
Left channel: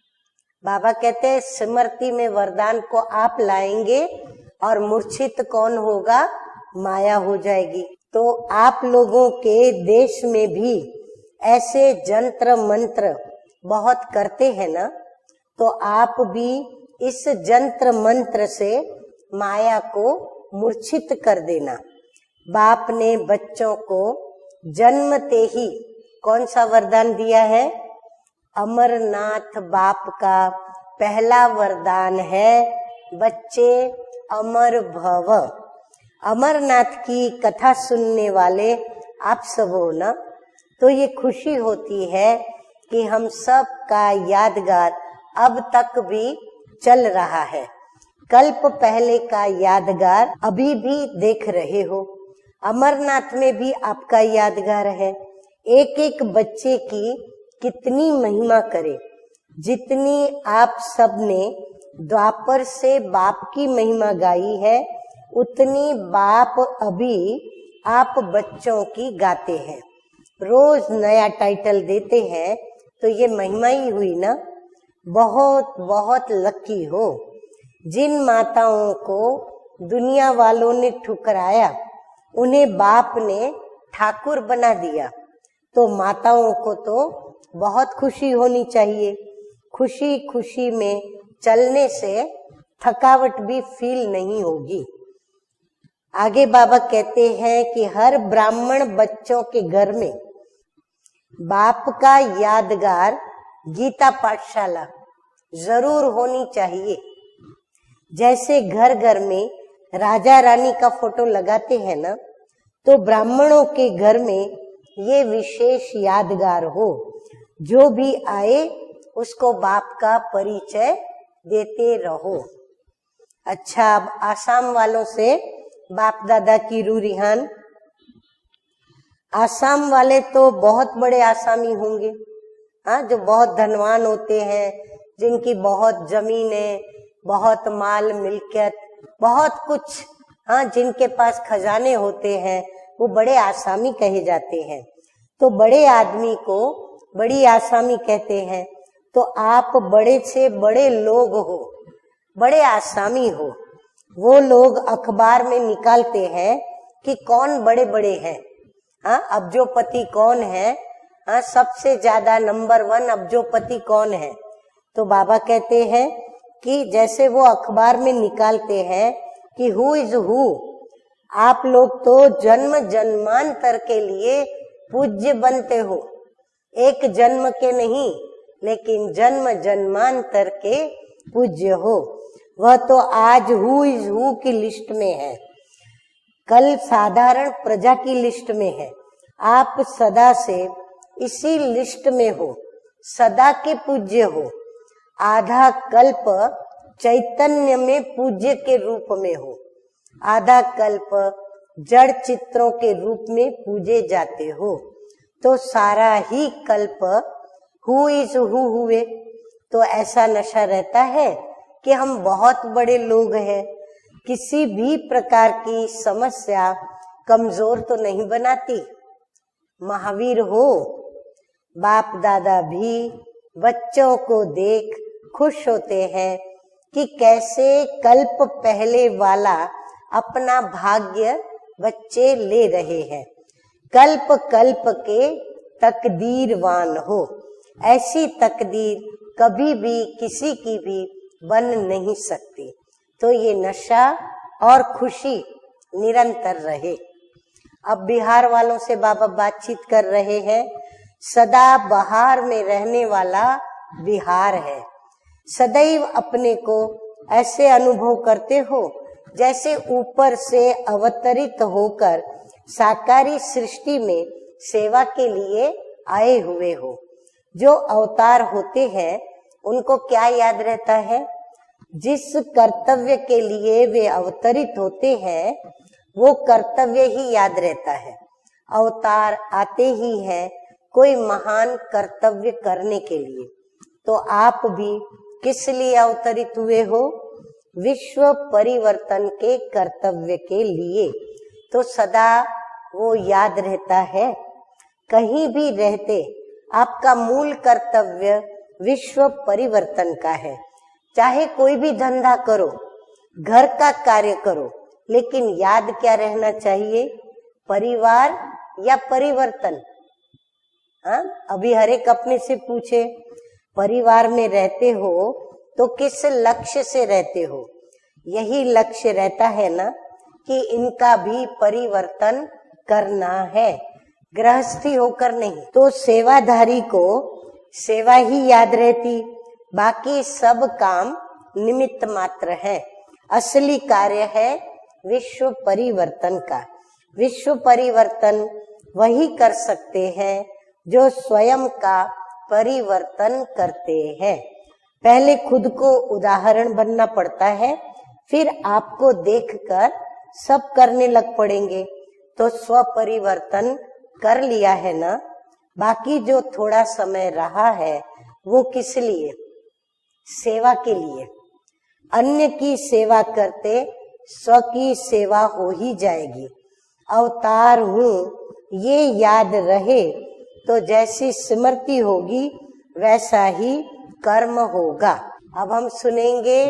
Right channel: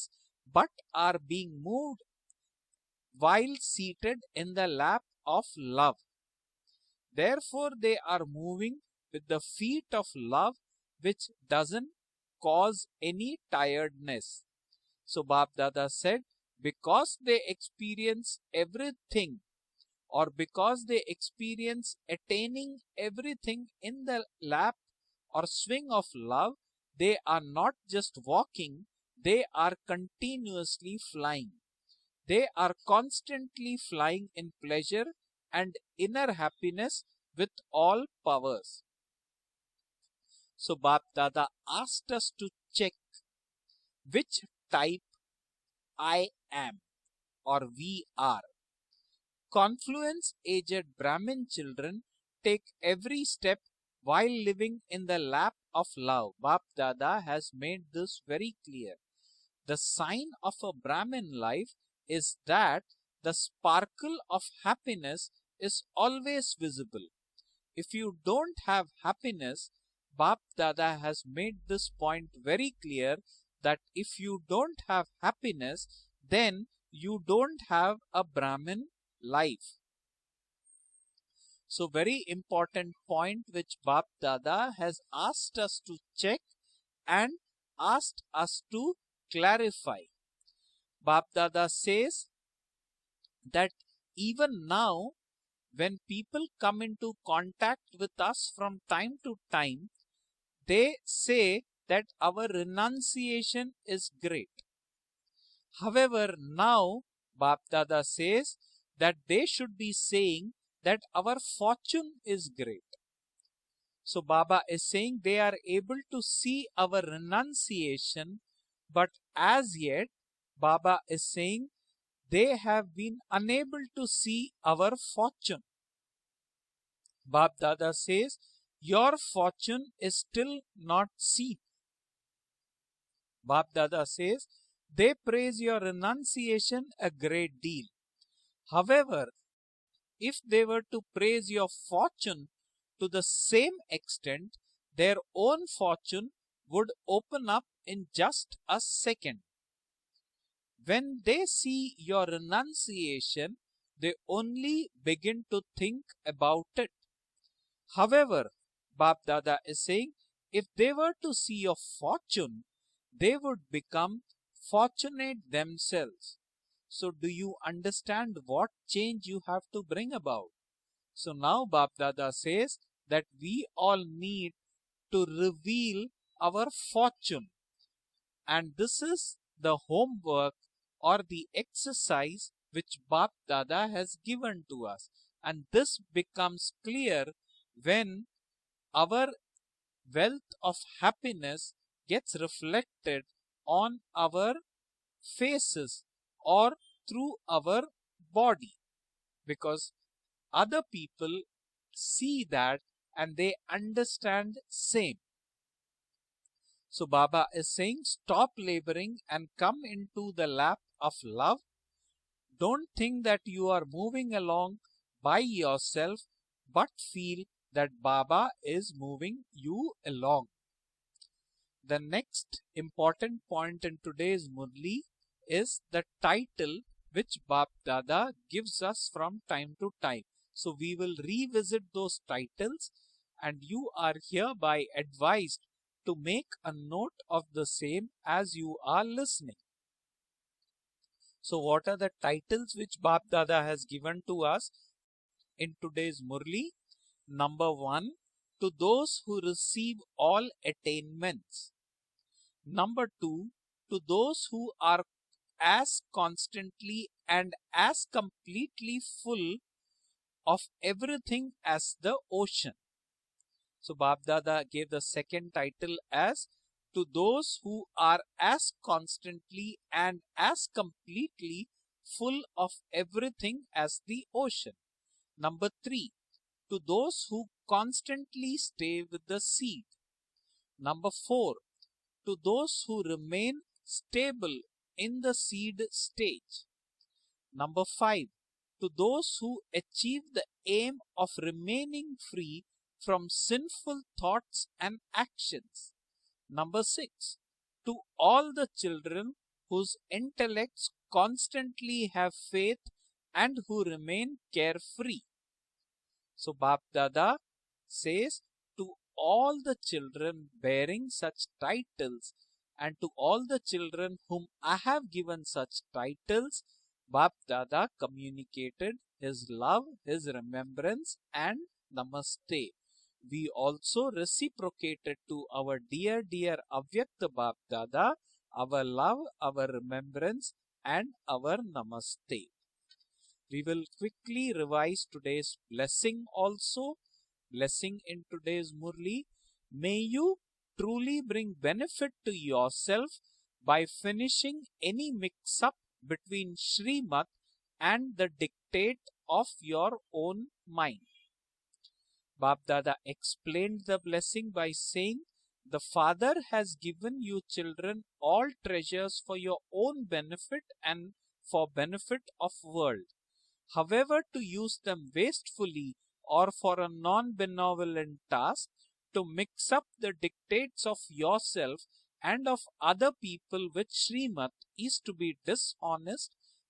बाबा कहते हैं स्मृति में वरदान को आप लाएंगे और मूर्छित कौन होगा? माया हो जाएगी। तो आप लोगों के देश में भी ऐसे जंत्र मंत्र बहुत करते हैं ना, तो आप भी इस जंत्र मंत्र से माया को मूर्छित कर देना। बाप ने बच्चों को जन्मते ही कौन सा वरदान दिया है? अमरनाथ बाप का पहला वरदान है, बच्चे अमर भव। अमरनाथ की कथा सुनने वाले आप सब हो ना, तो ये खुशी होती है कि हम सब का यादगार अब तक भी चल रहा है। कल्प पहले का यादगार अभी भी देख रहे हो। अमरनाथ में भी आपका यादगार है। एक एक बच्चे की कितनी महिमा करे, जितनी आप सब ने द्वापर से बाप की महिमा गाई है, उतनी बाप अभी आप बच्चों की गाते हैं। रोज नया टाइटल देते हैं, तो ये महिमा ही हुई ना। बहुत बहुत लकी हो जिन माताओं को दुनिया वालों ने ठुकराया, उन्हें बाप ने ठाकुर बना दिया। तो माताओं को तो बहुत खुशी होनी चाहिए। खुशी खुशी में चलने से थकावट भी फील नहीं होगी। आगे बाबा कहते हैं कि हर ब्राह्मण बच्चों के घर में बाप का यादगार गीता पाठशाला जरूर होनी चाहिए। जैसे घर घर में राजा रानी का फोटो लगाते हैं ना, तो ब्राह्मणों के घर में ये विशेष यादगार हो। जो भी आए उसको बाप का परिचय देते रहो। अच्छा, अब आसाम वालों से बाप दादा की रूह रिहान। आसाम वाले तो बहुत बड़े आसामी होंगे, हाँ, जो बहुत धनवान होते हैं, जिनकी बहुत जमीनें, बहुत माल मिलकियत, बहुत कुछ, हाँ, जिनके पास खजाने होते हैं, वो बड़े आसामी कहे जाते हैं। तो बड़े आदमी को बड़ी आसामी कहते हैं। तो आप बड़े से बड़े लोग हो, बड़े आसामी हो। वो लोग अखबार में निकालते हैं कि कौन बड़े बड़े हैं। अब्जोपति कौन है, सबसे ज्यादा नंबर 1 अब्जोपति कौन है। तो बाबा कहते हैं कि जैसे वो अखबार में निकालते हैं कि हु इज हु, आप लोग तो जन्म जन्मांतर के लिए पूज्य बनते हो, एक जन्म के नहीं लेकिन जन्म जन्मांतर के पूज्य हो। वह तो आज हु इज हु की लिस्ट में है, कल साधारण प्रजा की लिस्ट में है। आप सदा से इसी लिस्ट में हो, सदा के पूज्य हो। आधा कल्प चैतन्य में पूज्य के रूप में हो, आधा कल्प जड़ चित्रों के रूप में पूजे जाते हो। तो सारा ही कल्प हु इज हु हुए। तो ऐसा नशा रहता है कि हम बहुत बड़े लोग हैं, किसी भी प्रकार की समस्या कमजोर तो नहीं बनाती। महावीर हो, बाप दादा भी बच्चों को देख खुश होते हैं कि कैसे कल्प पहले वाला अपना भाग्य बच्चे ले रहे हैं। कल्प कल्प के तकदीरवान हो, ऐसी तकदीर कभी भी किसी की भी बन नहीं सकती। तो ये नशा और खुशी निरंतर रहे। अब बिहार वालों से बाबा बातचीत कर रहे हैं। सदा बहार में रहने वाला बिहार है। सदैव अपने को ऐसे अनुभव करते हो जैसे ऊपर से अवतरित होकर साकारी सृष्टि में सेवा के लिए आए हुए हो। जो अवतार होते हैं उनको क्या याद रहता है? जिस कर्तव्य के लिए वे अवतरित होते हैं वो कर्तव्य ही याद रहता है। अवतार आते ही है कोई महान कर्तव्य करने के लिए। तो आप भी किस लिए अवतरित हुए हो? विश्व परिवर्तन के कर्तव्य के लिए। तो सदा वो याद रहता है। कहीं भी रहते आपका मूल कर्तव्य विश्व परिवर्तन का है। चाहे कोई भी धंधा करो, घर का कार्य करो, लेकिन याद क्या रहना चाहिए? परिवार या परिवर्तन। अभी हर एक अपने से पूछे, परिवार में रहते हो तो किस लक्ष्य से रहते हो? यही लक्ष्य रहता है ना कि इनका भी परिवर्तन करना है, गृहस्थी होकर नहीं। तो सेवाधारी को सेवा ही याद रहती, बाकी सब काम निमित्त मात्र है। असली कार्य है विश्व परिवर्तन का। विश्व परिवर्तन वही कर सकते हैं जो स्वयं का परिवर्तन करते हैं। पहले खुद को उदाहरण बनना पड़ता है, फिर आपको देखकर सब करने लग पड़ेंगे। तो स्व परिवर्तन कर लिया है ना, बाकी जो थोड़ा समय रहा है वो किस लिए? सेवा के लिए। अन्य की सेवा करते स्व की सेवा हो ही जाएगी। अवतार हूँ ये याद रहे तो जैसी स्मृति होगी वैसा ही कर्म होगा। अब हम सुनेंगे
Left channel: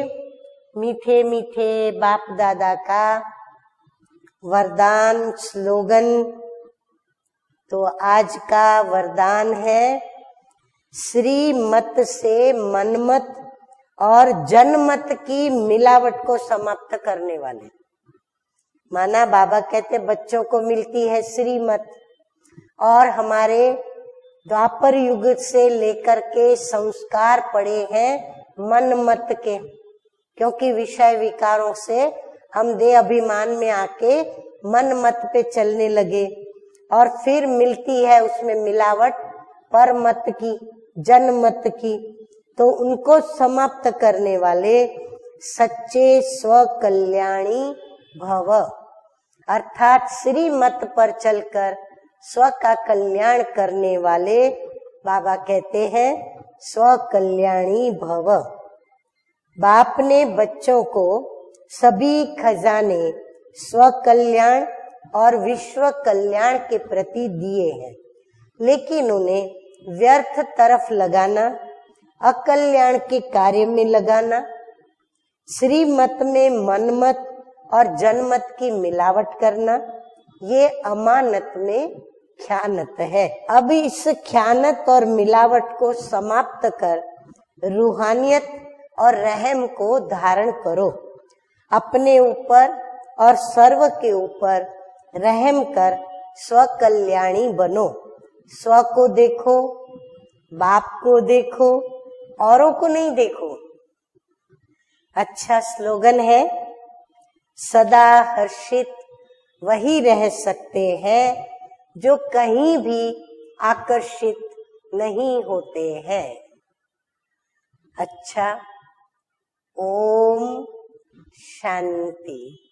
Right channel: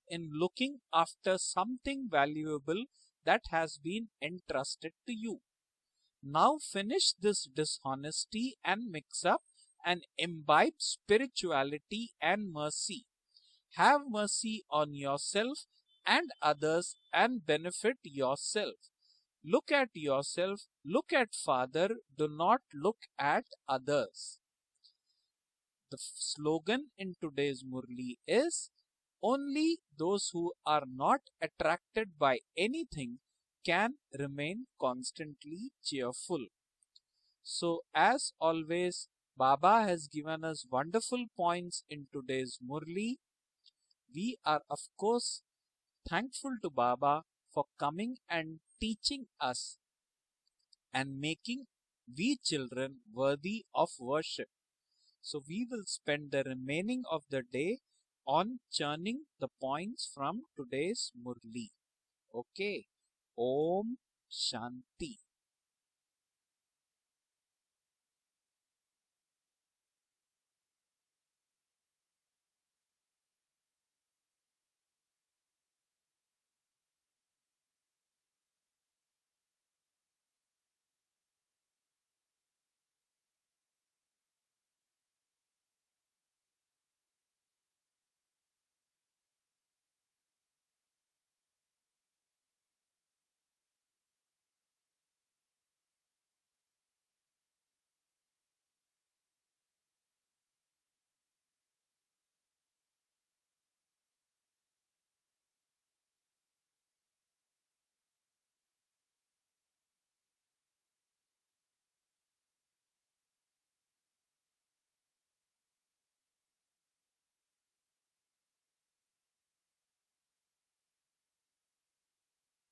मीठे मीठे बाप दादा का वरदान स्लोगन। तो आज का वरदान है, श्रीमत से मनमत और जनमत की मिलावट को समाप्त करने वाले। माना बाबा कहते बच्चों को मिलती है श्रीमत, और हमारे द्वापर युग से लेकर के संस्कार पड़े हैं मनमत के, क्योंकि विषय विकारों से हम देह अभिमान में आके मनमत पे चलने लगे, और फिर मिलती है उसमें मिलावट परमत की, जनमत की। तो उनको समाप्त करने वाले सच्चे स्व कल्याणी भव, अर्थात श्रीमत पर चलकर स्व का कल्याण करने वाले बाबा कहते हैं स्व कल्याणी भव। बाप ने बच्चों को सभी खजाने स्व कल्याण और विश्व कल्याण के प्रति दिए हैं, लेकिन उन्हें व्यर्थ तरफ लगाना, अकल्याण के कार्य में लगाना, श्रीमत में मनमत और जनमत की मिलावट करना, ये अमानत में ख्यानत है। अब इस ख्यानत और मिलावट को समाप्त कर रूहानियत और रहम को धारण करो। अपने ऊपर और सर्व के ऊपर रहम कर स्वकल्याणी बनो। स्व को देखो, बाप को देखो, औरों को नहीं देखो। अच्छा स्लोगन है, सदा हर्षित वही रह सकते हैं जो कहीं भी आकर्षित नहीं होते हैं। अच्छा, ओम शांति।